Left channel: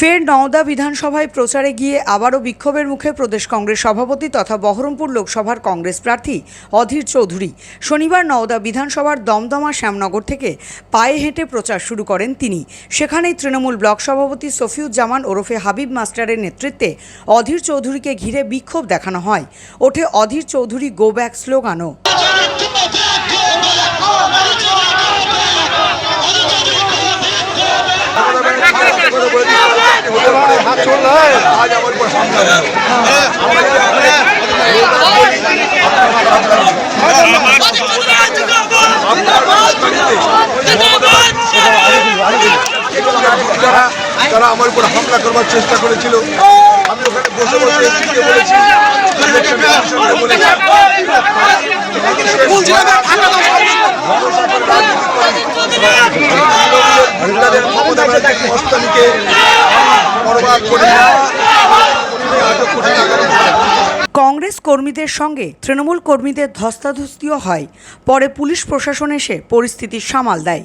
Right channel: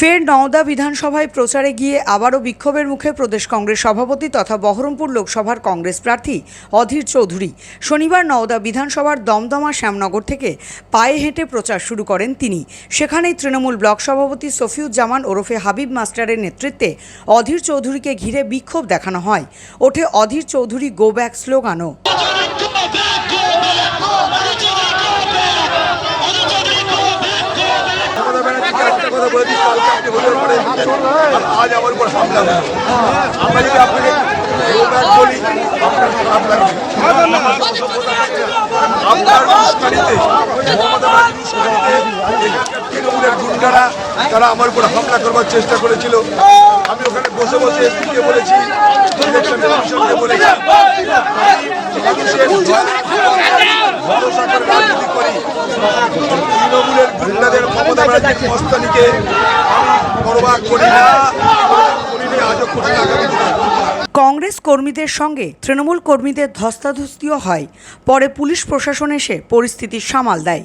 ফের নওদা বিধানসভায় প্রচারে গিয়ে আবারও বিক্ষোভের মুখে প্রদেশ কংগ্রেস সভাপতি তথা বহরমপুর লোকসভার কংগ্রেস প্রার্থী অধীর চৌধুরী। শনিবার নওদা বিধানসভার দমদমা শ্যামনগর থেকে পায়ে হেঁটে প্রচার শুরু করেন তিনি। সেখানেই তৃণমূল ব্লক সভাপতি সফিউজ্জামান ওরফে হাবিব মাস্টারের নেতৃত্বে অধীর চৌধুরীকে ঘিরে বিক্ষোভ দেখানো হয়। ওঠে অধীর চৌধুরী গো ব্যাক স্লোগানও। आज আমার উপর হামলা হলো। আমরা যদি আপনাকে বলি তারা আমার উপর হামলা করবার চেষ্টা করেছিল। আমি ওখানে বসে বসে বলেছি মহিলাদের মমতা ব্যানার্জির মস্তানিকে বরবাদ করে কংগ্রেস কর্মীদের সঙ্গে তৃণমূল কর্মীদের ধস্তাধস্তিও হয়। পরে পুলিশ প্রশাসন এসে পরিস্থিতি সামাল দেয়।